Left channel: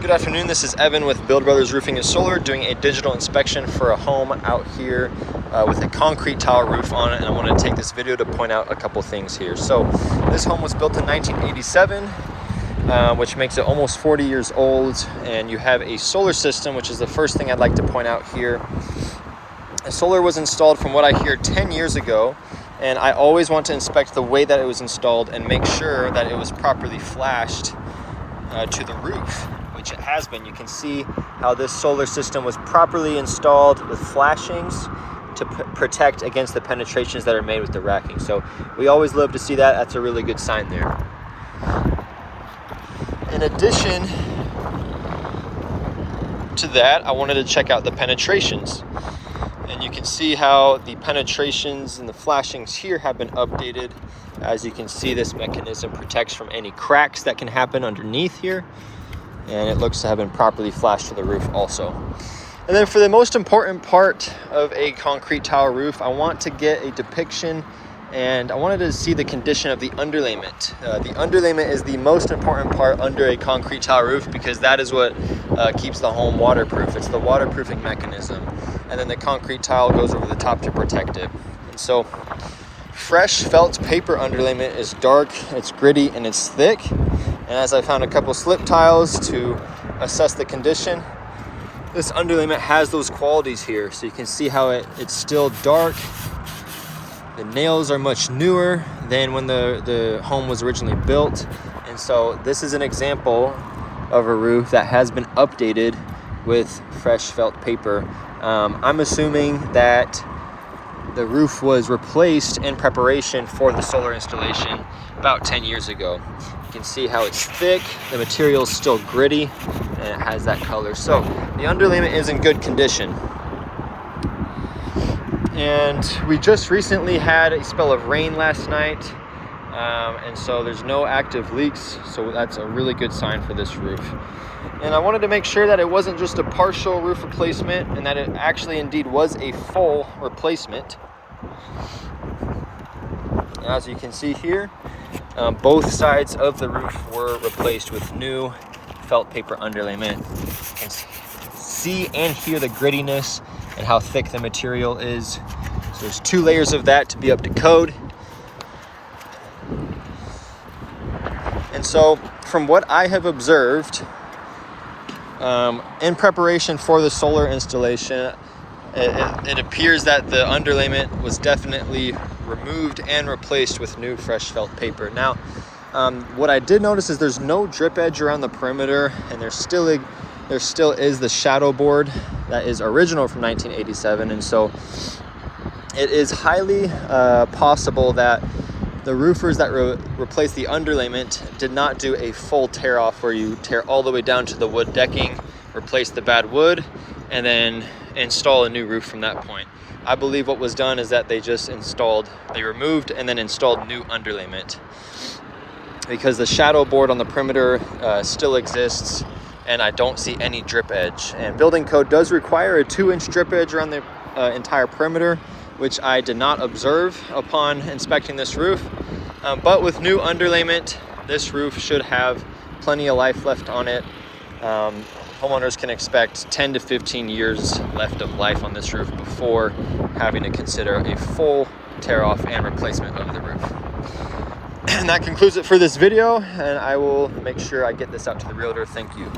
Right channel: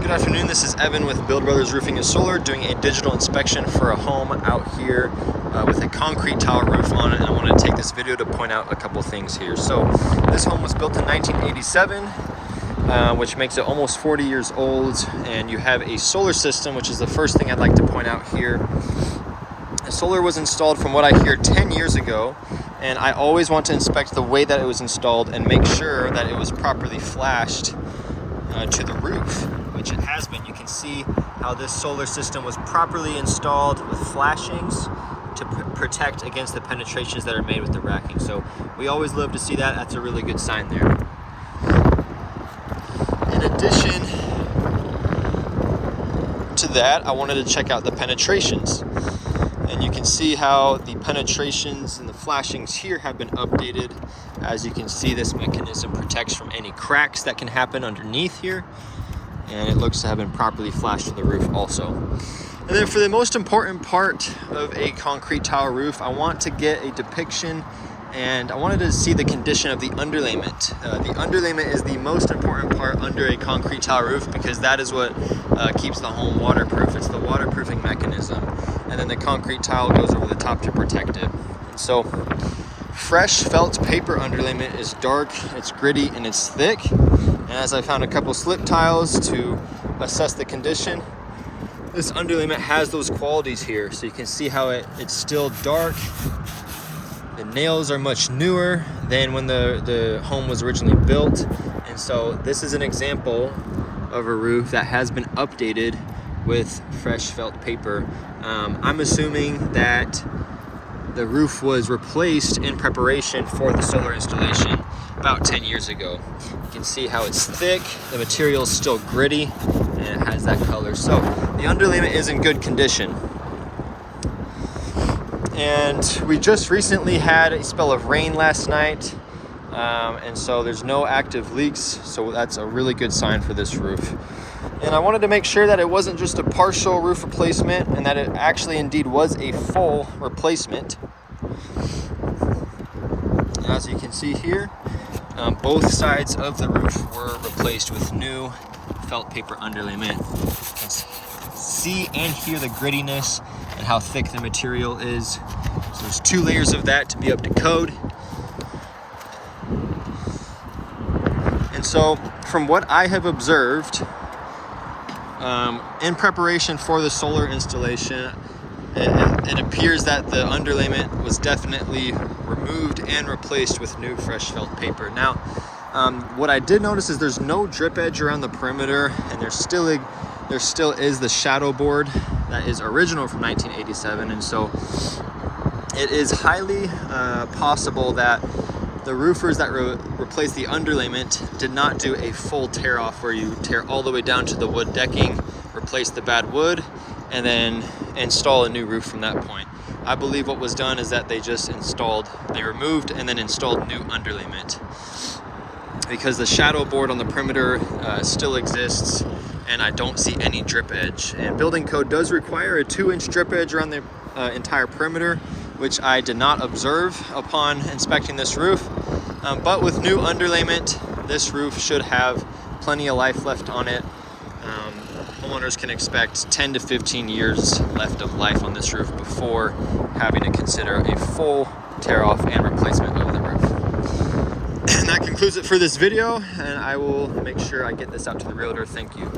Good afternoon, this is Evan with Build Brothers Roofing and Solar doing a digital inspection for a home out here with a concrete tile roof on it, and I wanted to take this video to point out a couple things here. So this home was built in 1987, which makes it almost 40 years old, and you have a solar system, which is the first thing I'd like to point out here. The solar was installed, from what I hear, 10 years ago, and I always want to inspect the way that it was installed and make sure that it was properly flashed to the roof, which it has been. You can see how this solar system was properly installed with flashings to protect against the penetrations that are made with the racking. So we always love to see that. That's a really good sign there. In addition to that, I wanted to check out the penetrations. And you can see how the penetrations and the flashings here have been updated. As you can see, this mechanism protects from any cracks that can happen underneath here. And it looks to have been properly flashed to the roof also. And then for the most important part of a concrete tile roof, I want to get a depiction, and I wanted to see the condition of the underlayment. The underlayment is the most important part under a concrete tile roof because that is what keeps the home waterproof. It's the waterproofing mechanism. And then the concrete tile goes over the top to protect it. And so fresh felt paper underlayment is dark, it's gritty, and it's thick. And as I found a couple slip tiles to assess the condition, this underlayment has those qualities here. So you can see how it's still dark. The nails are much newer than when the home was originally built. And so this is an example of a roof that has been updated with fresh felt paper. I'm assuming that the roof was replaced in preparation for the solar installation about 10 years ago. You can see how it's thick, the material is still gritty, and it has that color. So the underlayment is in good condition. And we just recently had a spell of rain last night, and so there's no active leaks, so that's a really good sign for this roof. And I wanted to make sure that it wasn't just a partial roof replacement and that it actually indeed was a full replacement. As you can see here, both sides of the roof were replaced with new felt paper underlayment. You can see and hear the grittiness and how thick the material is. So there's 2 layers of that to be up to code. And so from what I have observed, in preparation for the solar installation, it appears that the underlayment was definitely removed and replaced with new fresh felt paper. Now, what I did notice is there's no drip edge around the perimeter, and there still is the shadow board that is original from 1987, and so it is highly possible that the roofers that replaced the underlayment did not do a full tear off where you tear all the way down to the wood decking, replace the bad wood, and then install a new roof from that point. I believe what was done is that they removed and then installed new underlayment, because the shadow board on the perimeter still exists, and I don't see any drip edge. And building code does require a 2-inch drip edge around the entire perimeter, which I did not observe upon inspecting this roof. But with new underlayment, this roof should have plenty of life left on it. Homeowners can expect 10 to 15 years left of life on this roof before having to consider a full tear off and replacement of the roof. And that concludes it for this video, and I will make sure I get this out to the realtor. Thank you.